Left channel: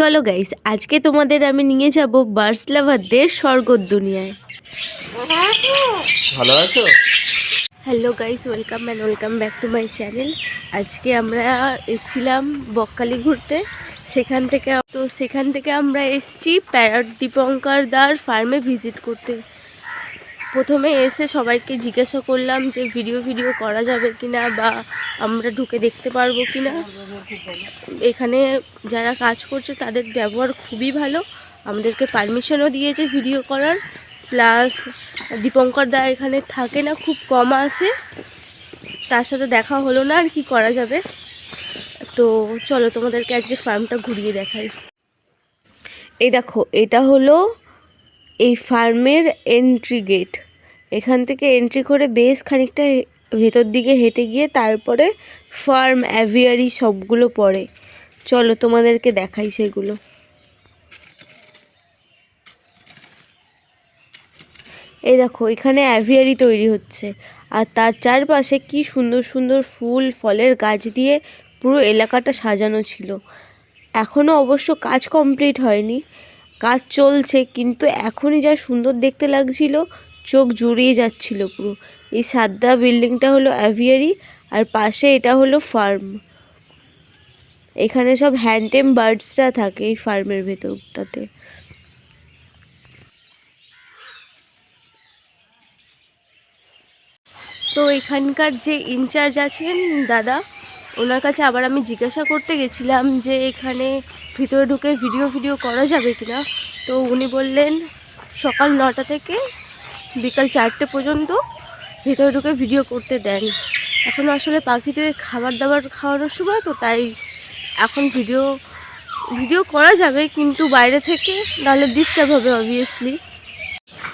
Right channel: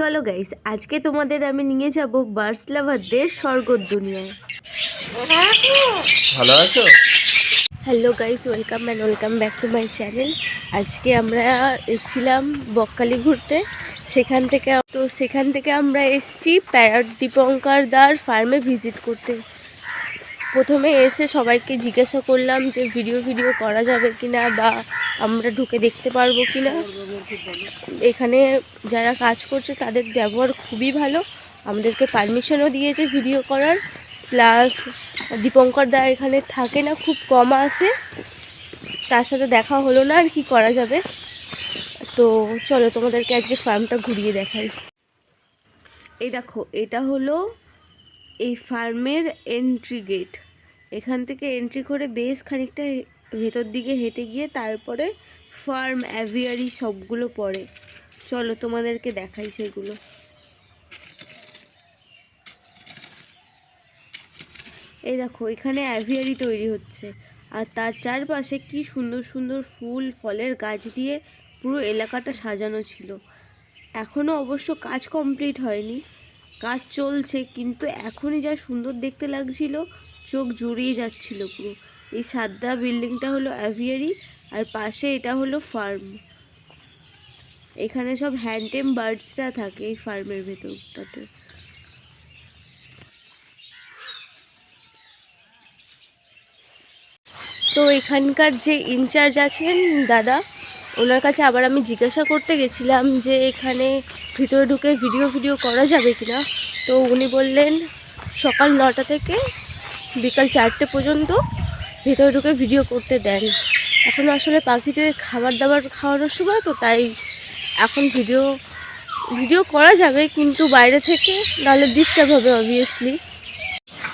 চলো গাইস, আজকে তোমাদের আমি নিয়ে যাব বার্ডস লাভারদের স্বর্গর দুনিয়ায়। ভালো আছো? Hello guys, welcome back to my channel. আজকে আমরা এসেছিলাম বকখালি ঘুরতে। সেখান থেকে আমরা এসেছি প্যারট দীপঙ্কর দার ফার্মে ভিজিট করতে। প্রথমে এসে সবাইকে জিজ্ঞাসা করলাম যে ভিডিও করা যাবে কিনা বা আমরা ঢুকে দেখতে পারবো কিনা। এখানে যারা কাজ করছে তাদের ব্যবহার খুবই ভালো, আমাদেরকে পারমিশনও দিয়েছে ভিডিও করার। প্লাস দীপঙ্কর দা এখানে থাকে না, খুব কম আসে, তার সাথে দেখা হলো না, আর কি করা যাবে। তো চলো তোমাদেরকে আজকে ফার্মটা ঘুরিয়ে দেখাই। এই দেখো, এটা হলো এই ফার্মের এন্ট্রি গেট। এখান থেকে এন্ট্রি করে বেশ খানিকটা ভেতর দিকে হেঁটে গিয়ে তারপরে ফার্ম, অ্যাভিয়ারি সবগুলো পড়ে। চলো তোমাদেরকে দেখাই সেগুলো। এই দেখো, এখানে অ্যাভিয়ারি তৈরি হচ্ছে, আর তার চারপাশে কি সুন্দর সুন্দর ফুল ফলের গাছ দিয়ে পুরো এলাকাটা সাজানো ছিল। এখনও অবশ্য কাজ কমপ্লিট হয়নি, কাজ চলছে, কিন্তু এখনই যা সুন্দর দেখতে লাগছিল, চোখ জুড়িয়ে যাচ্ছিল পুরো। এই সাদা বিল্ডিংটা হলো অ্যাভিয়ারি, আর পাশে এটা হলো ফার্ম। এখানে সব হ্যান্ডটেম বার্ডসরা থাকে এই ফার্মের ভেতরটাতে। তো এখানকার যে ইনচার্জ আছেন দাদা, ওনার কাছে আবার আমি জিজ্ঞাসা করতে গেছিলাম যে এখানে ভিতরে ঢুকে ভিডিও করা যাবে কিনা। তো উনি বললেন সকাল 9টা থেকে বিকাল 4টে পর্যন্ত ভিতরে ঢুকে ভিডিও করতে দেন। এখন আসলে পাখিদের খাবার দাবার খাওয়ানোর সময়, তো তাই এখন ভিডিও করা যাবে, কিন্তু বাইরে থেকে নাহলে ডিস্টার্ব হবে অবভিয়াসলি।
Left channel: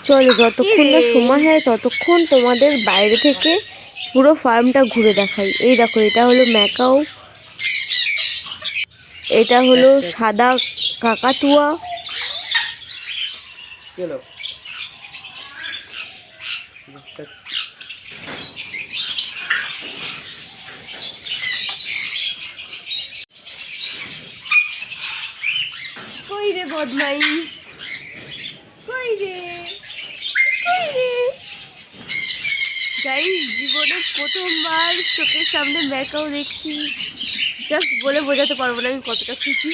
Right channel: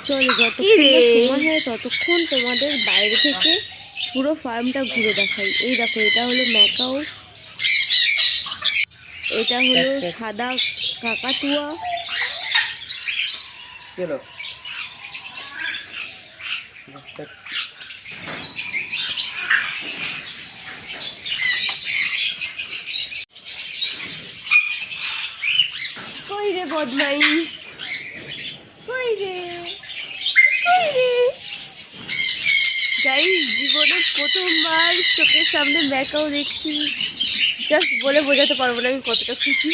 চলো, যতক্ষণ না সময় হয় ততক্ষণ তোমাদের বাইরে থেকে পুরো ফার্মটা ঘুরে দেখাই। এই দেখো, এটা হলো ম্যাকাও, এটা হলো সাদা কাকাতুয়া, কই রে বদমাইশ, কই রে গাইস, জীবনে প্রথমবার চোখের সামনে ম্যাকাও দেখছি। জাস্ট বলে বোঝাতে পারবো না আমি কতটা খুশি।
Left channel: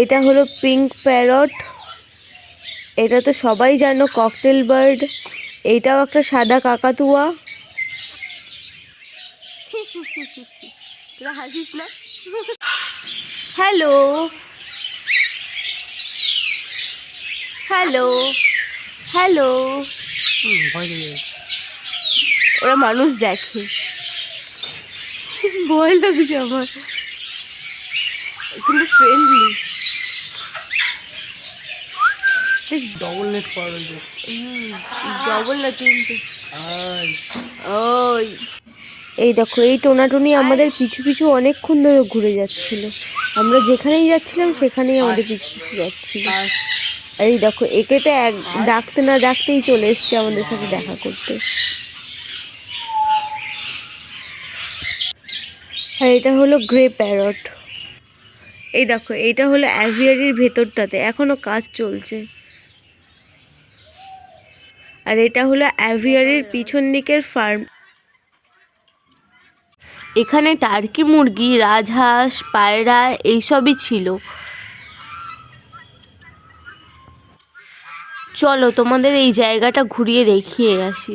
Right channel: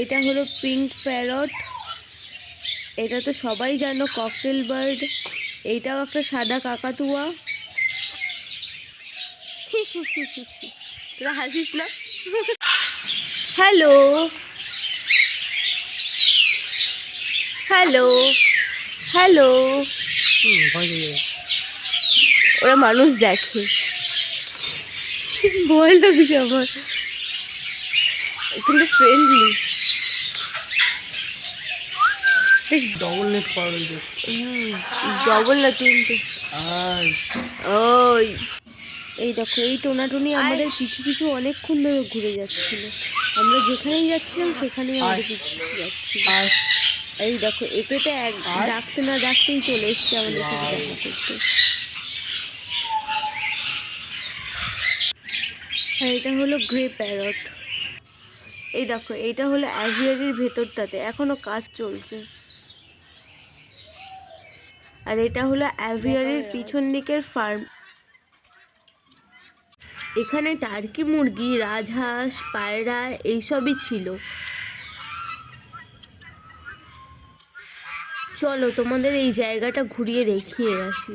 এটা হলো পিঙ্ক প্যারট, এটা তো সবাই জানো ককটেল বার্ড। এইটাও একটা সাদা কাকাতুয়া। তোরা হাসিস না? হ্যালো হ্যালো হ্যালো, ওরা মানুষ দেখে, ভয় লাগছে আমার, কিন্তু ফ্রেন্ডলি। ডবল নেট পাওয়া রয়েছে। ডবল না, তিনটে। ওই এই দেখো, এই টোনাটুনি আমাদের পিছু পিছু অনেকক্ষণ ধরে ঘুরে যাচ্ছিল। আমরা যেখানেই যাচ্ছিলাম সেখানেই আমাদের পিছু পিছু যাচ্ছিল। এই দেখো, একে তো ডাকতে না ডাকতেই চলে এসছে আমাদের সাথে দেখা করতে। আর এটা হলো গ্রে প্যারট। এই দেখো, এটা হলো অ্যাভিয়ারির ভেতরটাতে এখনো কাজ চলছে। আর এটা হলো অ্যাভিয়ারির পিছন দিকের ফার্ম। এখানে টার্কি মুরগি, রাজহাঁস, পায়রা এইসবই ছিল। চলো তোমাদের এই জায়গাটা ঘুরিয়ে দেখিয়ে আসি।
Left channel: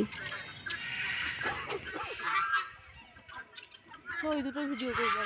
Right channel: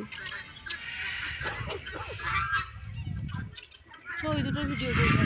ওই দুটো ভিডিও করবো।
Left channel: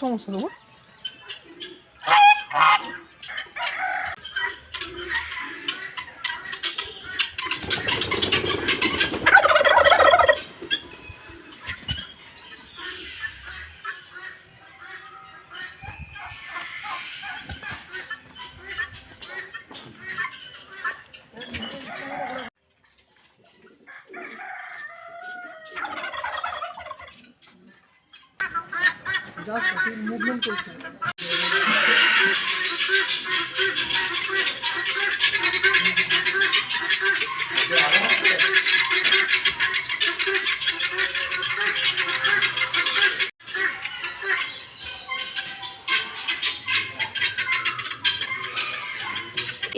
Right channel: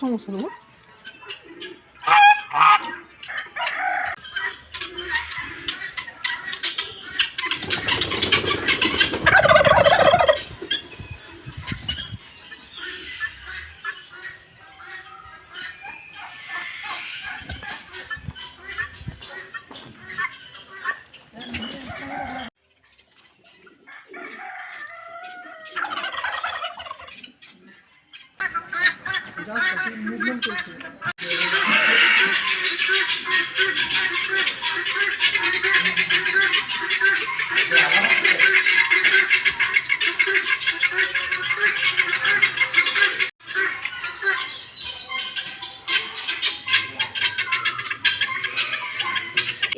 সমস্যা নেই। মুভমেন্ট করছে।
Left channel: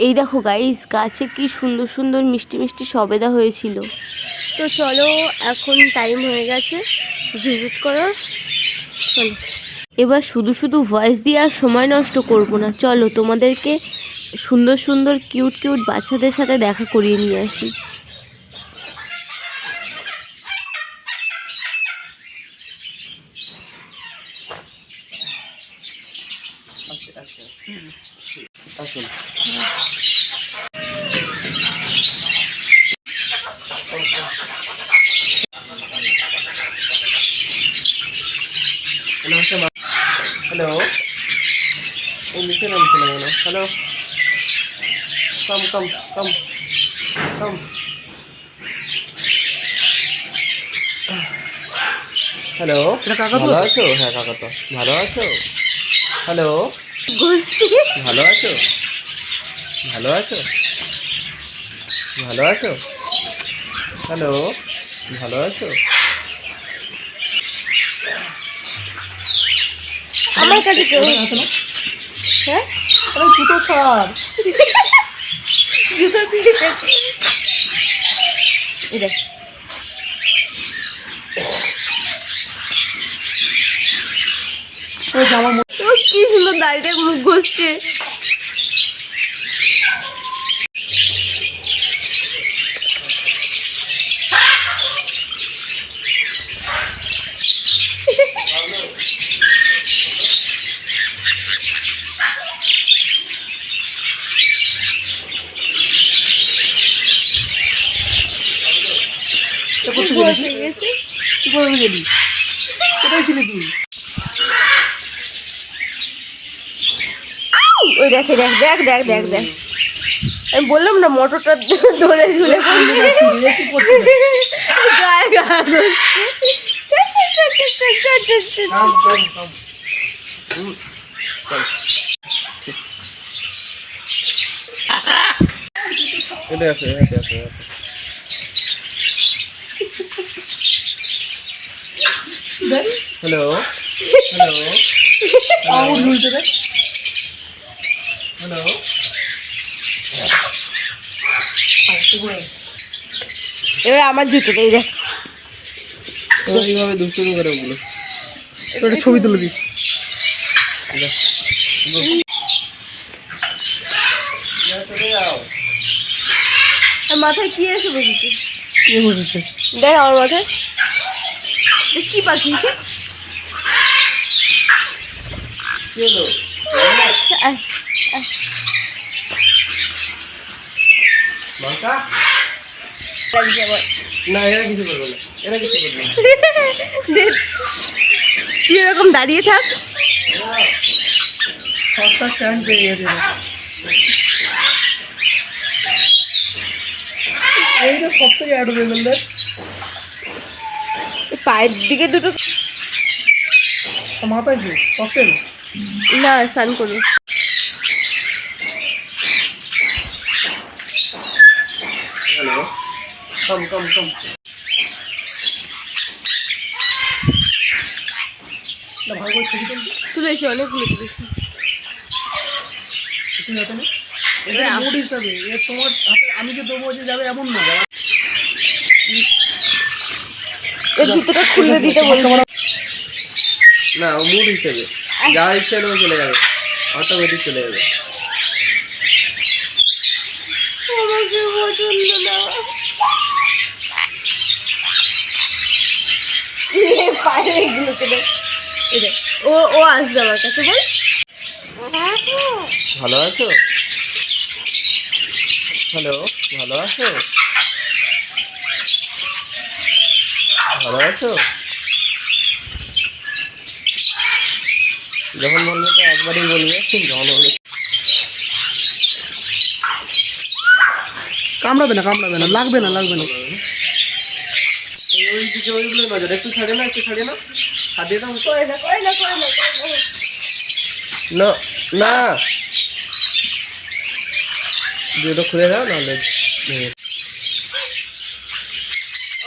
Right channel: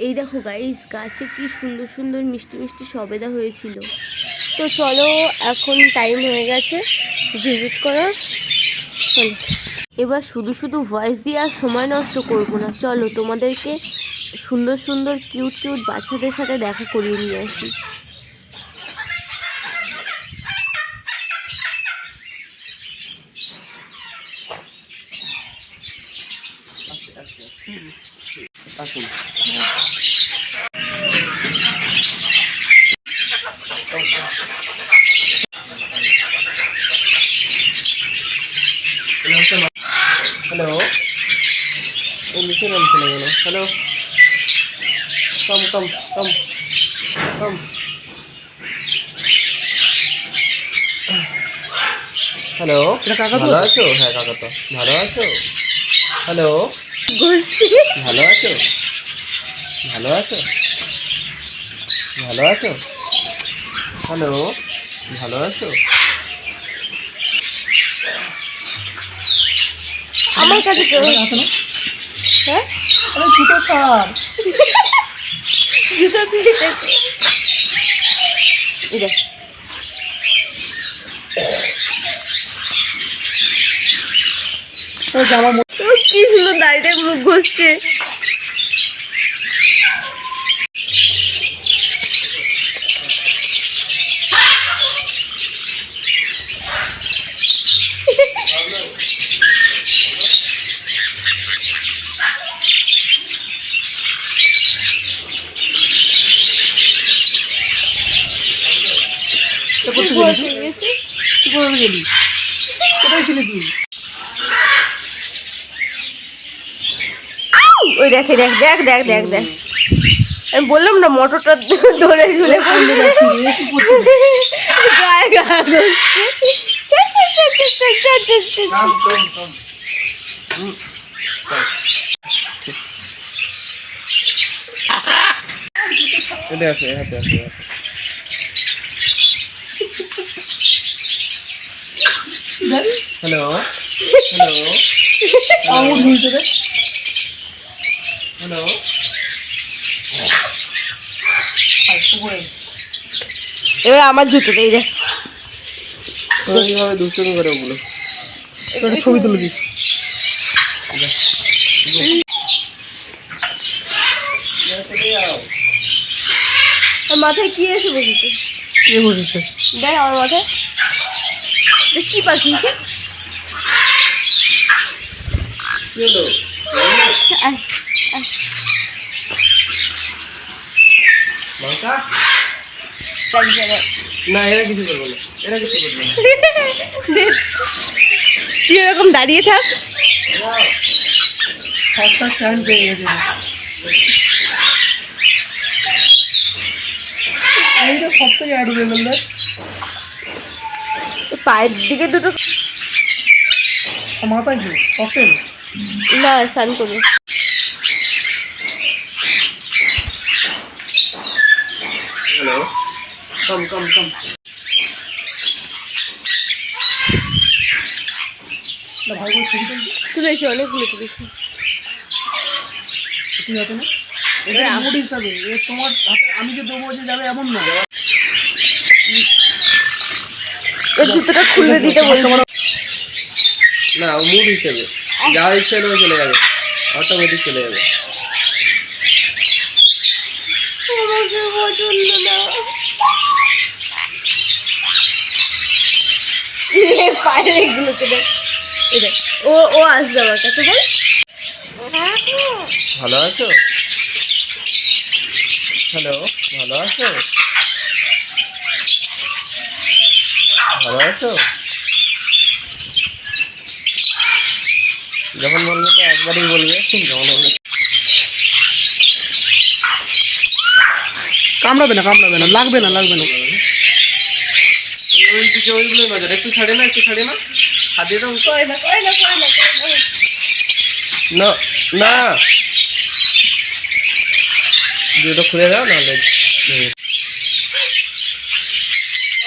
এই দেখো গাইস, গাছে কি সুন্দর সুন্দর মিষ্টি মিষ্টি সবেদা হয়েছিল। তো চলো, এখন টাইম হয়ে গেছে ভিজিট করার। চলো এবার শুধু শুধু ভয়েস দিয়ে আর সময় নষ্ট করব না, চলো তোমাদেরকে সুন্দর সুন্দর কিউট কিউট বাচ্চাদের সাথে দেখা করিয়ে নিয়ে আসি। আসুন। হ্যালো, এই নিচে নামছে না কেন? হ্যালো, কম কম কম কম। হ্যালো, ভালো আছো? হ্যাঁ কাকা তো ভালো আছো? হ্যালো, ভালো আছো? ভালো আছো? ভালো আছো? হ্যালো, ভালো আছো? আমার কাছে কেউ হ্যাঁ জুতো ছাড়, জুতো দিয়ে দেখো। এই দেখ, জামার কি সুন্দর দাড়িটা মুখ ঘষছে। গেছে তুই কোথায় গেলি? কোথায় ছিলি তুই? ওই দেখে, দেখ দেখ দেখ দেখ দেখ, আমি বললাম না মোটরটা ধরে ঝুলে পড়বে। গায়ে গায়ে ধরছে। এটা আছে, হাতে আছে। Hello, hello, hello, hello. এবার আমার জুতো এই দেখ, এইভাবে দুষ্টুমি করে ওগুলো। ছবি তুলে দিই। মাথায় কি এসে বসেছে? কে বসেছে? দেখ আমার মাথায় কি পাখি? কি হলো? লঙ্কা? না, এরা কিছু করবে না, এরা কিছু করবে না। তুই এরকম দাঁড়িয়ে থাক। সস্তা স্ট্যান্ড পেয়ে গেছে। এইটা সব থেকে অ্যাডোরেবল দেখ। পায়ের দিকে দুটো মাথায় কি ককটেল? না, স্নান করবে। হ্যালো, কম কম কম। না ভাই, ছবি তুলেছি, অনেকগুলো তুলেছি। তুই হাতে না, এটা মুড হিসাবে। তোমার হাতে আমি যে দেবো যে যাবে এমন না। এর জুতোটা খুলে দিতে বলছি না, ও মুড হিসেবে যা ইচ্ছে হলেও চলে যাবে, অটোমেটিক চলে যাবে। আমাকে পছন্দ না। পায়ে এগুলোকে দেখ, এই দেখ, ও ও আসবে আমার কাছে, বল। ভালো আছো? হ্যালো, ভালো আছো? ভালো আছো? যখন বলবে তো একবারই বলবে, যখন বলবে কামড়াবে না, কামড়াবে না, লাগবে না, লাগবে না। ওই দিকে ওইগুলো নজর, একটু ছাড়ে না, একটু ছাড়ে না, হাত দিয়ে দাও। করে না, করে না, করে না, করে না। না না, জুতো খুলে দাও নাহলে।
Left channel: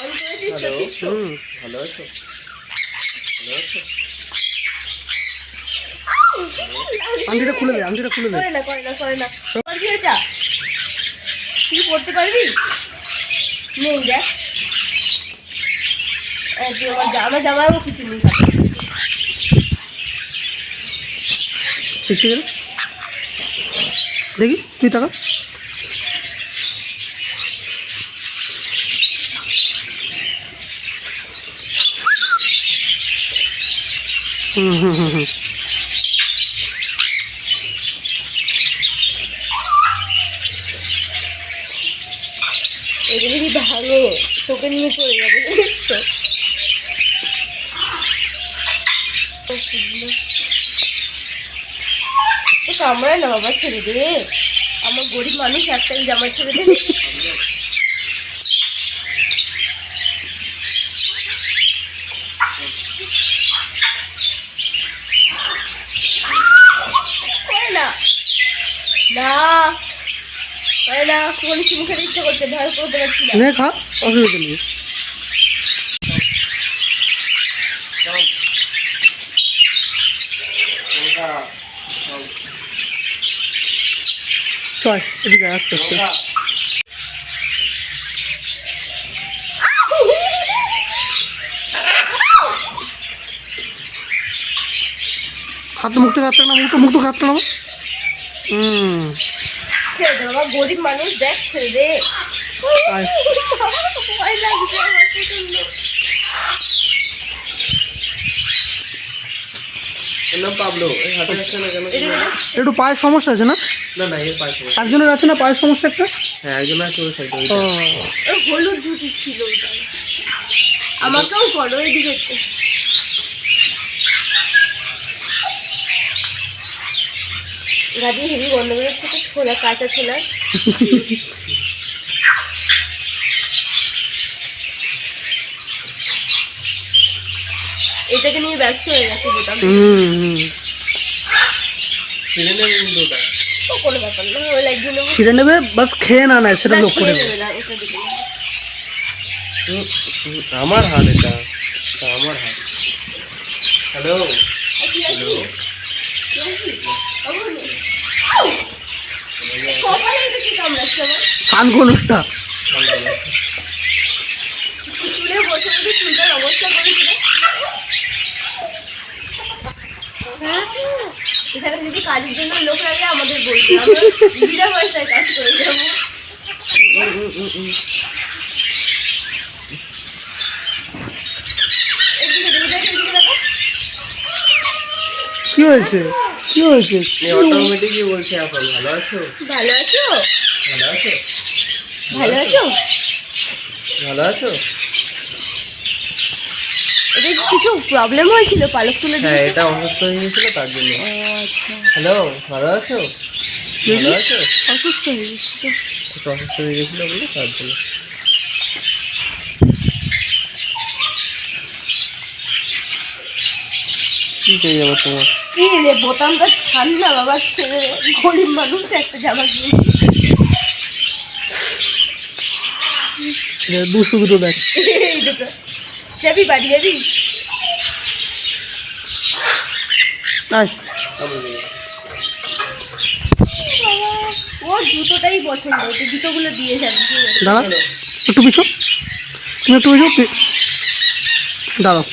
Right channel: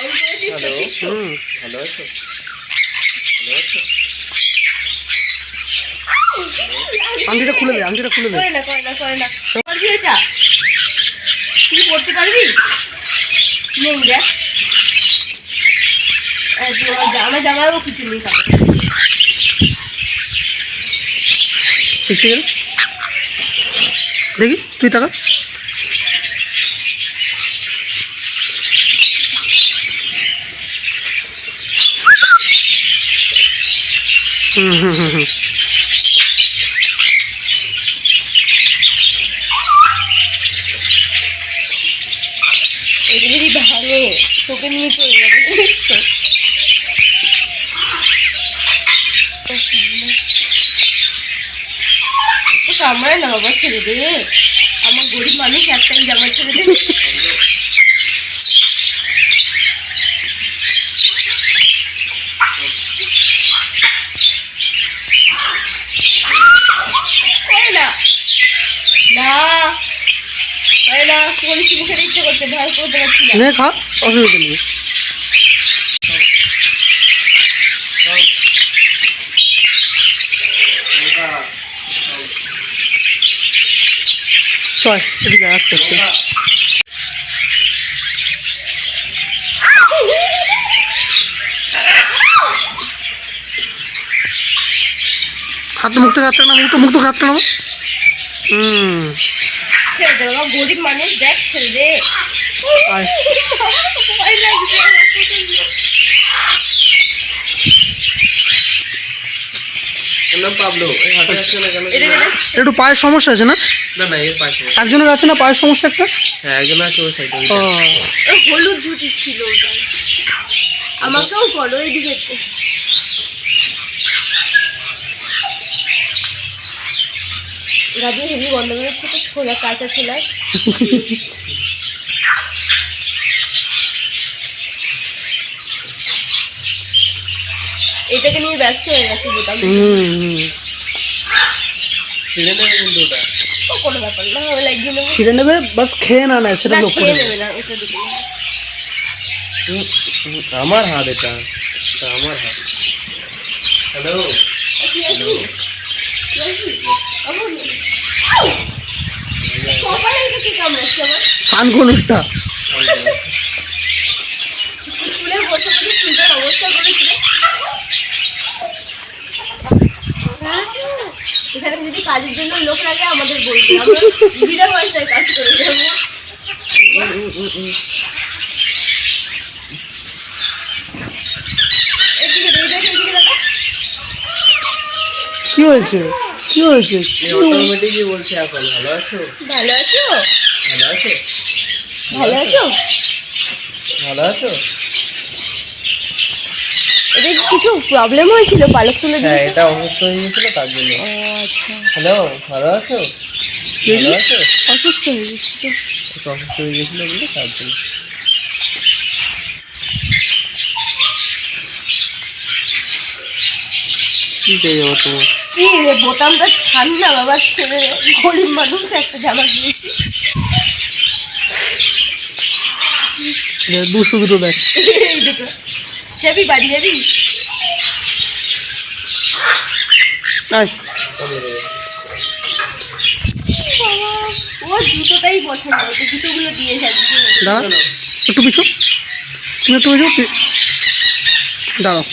অন করেছিস তো হ্যালো, ঠিক তো? ভালো আছো? ভালো আছো? আংটিটা খুলে দে, আংটিটা খুলে দে। করে না, করে না, করে না। পারবি এটা? তুই পড়তে পারবি? নেই দেখ, আমার জামাইও কিছু নেই সাথে। ঠিক আছে, দেখি তুই টাকা। হুম হুম হুম হুম। এটা যদি ভাঙে তোকে নিয়ে চলে যাবে, জানিস তো? তো কামড়ায় না বাবা, ছেড়ে দে। আমার গরিব মানুষ, একটাই জামা, ছেড়ে দে। করে না, না করে না, বলেছি মুখে ইচ্ছে করতে, ভয় করতে পারছি না। নে খা, অসুবিধা নেই। চল এদিকে আয়, আস্তে আস্তে। হাত মুখ থেকে হাতটা না, মুখ তো হাতটা না। ছেড়ে দে বাবা, গরিব মানুষ, দেখ, ছেড়ে দে। আয়। ভয় লাগছে আমার প্রচন্ড। এর নাম পাবলো। এই হাতে আসছে না কেন? এদিকে দেখ। একটু পায়ের সমস্যা আছে না? না না, এর পাশে। একজনের আছে না পায়ের সমস্যা একটা? হ্যাঁ, একজন আছে ওই সাইডে। ও, ওই হলুদ ঝুটি ছিল ওটা। আমাকেও করো এদিকে। গাড়ি হেভি বন্ধ করে ছোট ছোলা, কাঁচা ছোলা। এটাকে নিয়ে ব্যস্ত হয়ে গেছে বোতাম। ছিঁড়ে নেবে কিন্তু ওটা। ও কোনো ব্যাপার না, ওই লাগিয়ে নেবো। ছিঁড়ে নেবে, বাস খেয়ে না নেয় সেটা না, লক্ষ্য খেয়ে রাখবে। নেবে না, ওটা দিকে নেবে। আমার হাত এটা, এটা আমার হাত। হ্যালো, কি আছে? কি আছে? কপালে এটা কি কামড়াচ্ছে আমার? সানকোনটা চুলে বসে বসে চুলটার অবস্থা করেছিল। এখানে যদি কাজের জন্য লোক লাগে আমাদের বলবে, আমরা বিনা পয়সায় কাজ করে যাবো। এদিকে দেখো, এদিকে দেখো। কি হয়েছে, কি হয়েছে? অটোমেটিকই বলছে এখন। ভালো আছো? ভালো আছো? ভালো আছো? ভালো আছো? ভালো আছো? এদের কিছু প্রবলেম হয়েছিল, পালক তুলে হ্যাঁ, দিয়েছে। এটা অসুস্থ হয়ে গেছিল তার জন্য। ও আচ্ছা, হ্যালো, ভালো আছো? ভালো আছো? অসুস্থ হয়ে গেছি তো। একটু অসুস্থ হয়ে গেছিল বলে তার জন্য। কি করে যাবো তোমার? কি রে, বোতামটা ছাড় না বাবা, ছেড়ে দে। গরিব মানুষ, একটা জামা কিনেছি। দুশো দুটো দেখ। এই দেখো, যাবি বাড়ি যাবি? আয়, ও জুতোটাই পছন্দ, তো জুতোগুলো দিয়ে যাবি। দাঁড়া একটু পিছু, তুমি একটু পিছু দাঁড়াও।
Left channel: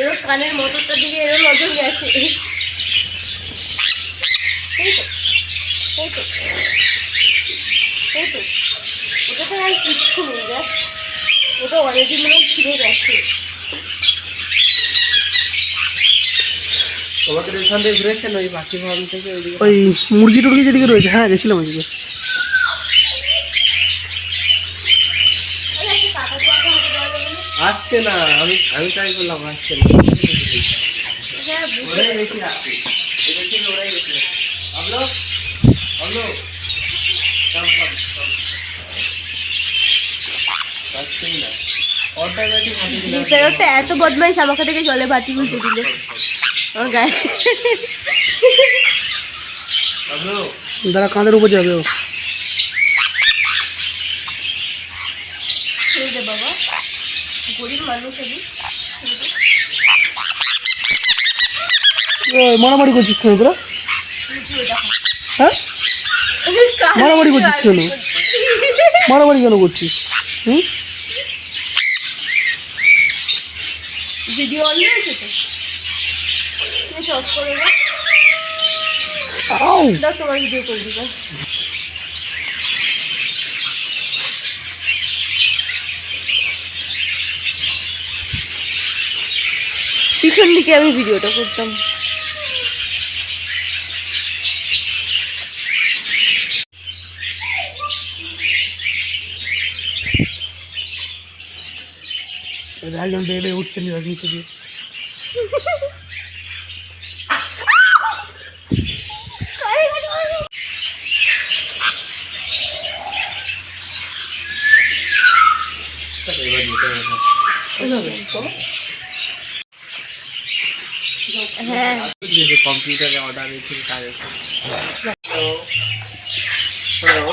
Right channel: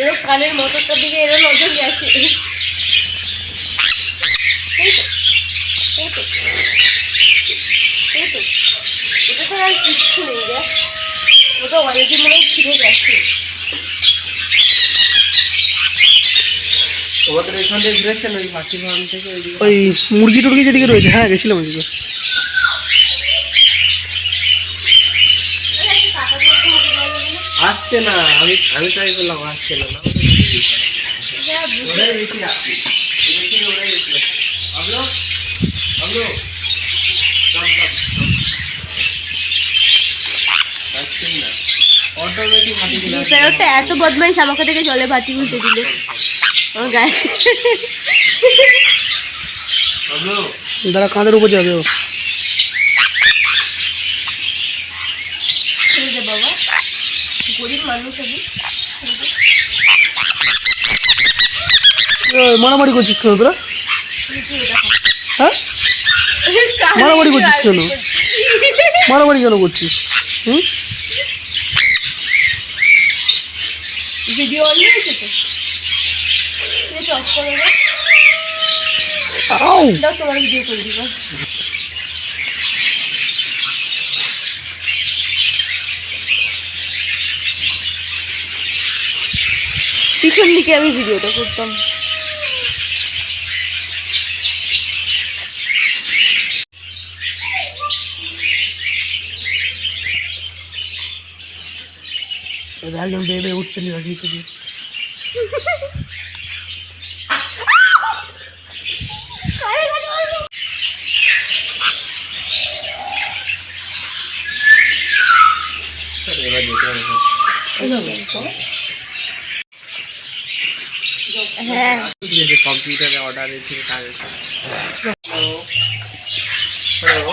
এরও কানের মোটরটার দিকে এরও নজর গেছে। এই তো, এই তো, এই তো। ওটা তো আর কিচ্ছু নেই রে, ওটা অলরেডি মনে হয় ছিঁড়ে গেছে। তোমাদের এখান থেকে ঘুরেছেন ওই পাখি ফার্ম থেকে ওইদিকে? ওই মুরগি টুরগি যেদিকে রয়েছে, হ্যাঁ গেছিলাম ওইদিকে। আসছে না, আমি ট্রাই করলাম, আসছে না। হ্যাঁ, ওরাই বেশি রাখছি, এদেরকে ওরাই বেশি রাখছি। বাবলু, বাবলু, কাম কাম কাম। আসছেন না, অটোমেটিক হাতে দিলে প্যারটটা এত বদমাইশ, আমাকে থেকে জলে বাটি উল্টে দিল আমার গায়ে। বাবলু, দাঁড়া, কাঁধের উপর যাবে ও। ছেড়ে দে বাবা, গরিব মানুষ আমি। মারামারি করছিস কেন তোরা? হ্যাঁ, মারামারি করছিস কেন? মারামারি কেন করছিস? হুম, ভিডিও অন হয়েছে তো, ঠিক আছে, অফ করে দাও। আউ, দাও, তোমার ভিডিও করে দিবা। পিছন দিকে আমি ভিডিওটা করতাম। একদম বেড়ে উঠছে নিচে দিয়ে। এবার যেতে হবে। হ্যাঁ, কম্পিউটারে অর্ডার দিয়েছিল তাদের। হ্যালো, হ্যালো,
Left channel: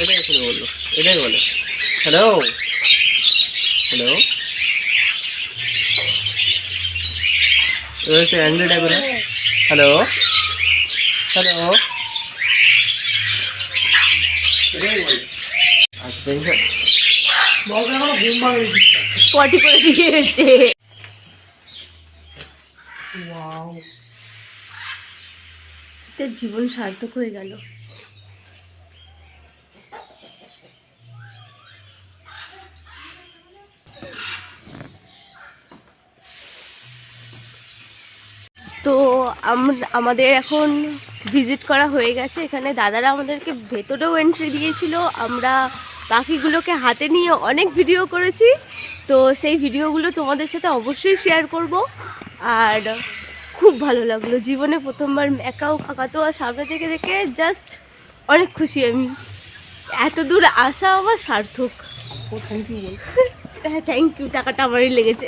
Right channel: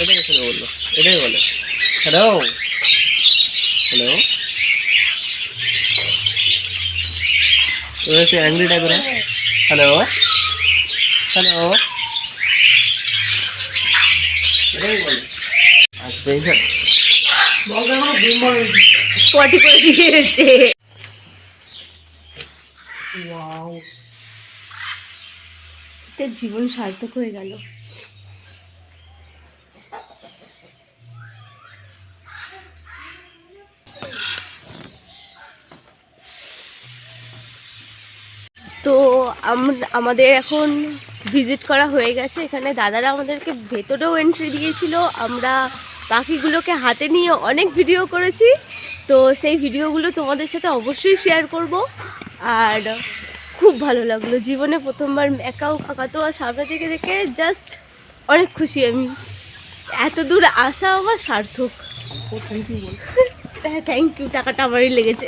এটাই শুনে বললো, এটাই বলে হ্যালো, হ্যালো। এবার একটু অ্যাংরি টাইপের, হ্যালো, হ্যালো, এটাই বলে। আচ্ছা, দেখবেন পটি করে দিয়েছে। তার জীবন সার্থক হয়ে গেল। তো আমাদের এখন ভিজিট করা হয়ে গেছে। এখানে দাদারা আমাদেরকে ভেতরেও এন্ট্রি দিয়েছিল। আমরা পাখিগুলোকে হাতে নিয়ে অনেক ভিডিও করেছি, তো সেই ভিডিওগুলো তোমাদের সাথে অবশ্যই শেয়ার করব। আর খুব ভালো লাগলো, জীবনে প্রথমবার ম্যাকাও কাকাতুয়া সামনে থেকে দেখে জাস্ট অনেক খুশি আমি। এত দূর আসা আমার সার্থক। হ্যাঁ, থ্যাংক ইউ, টাকাটা আমারই লেগেছে।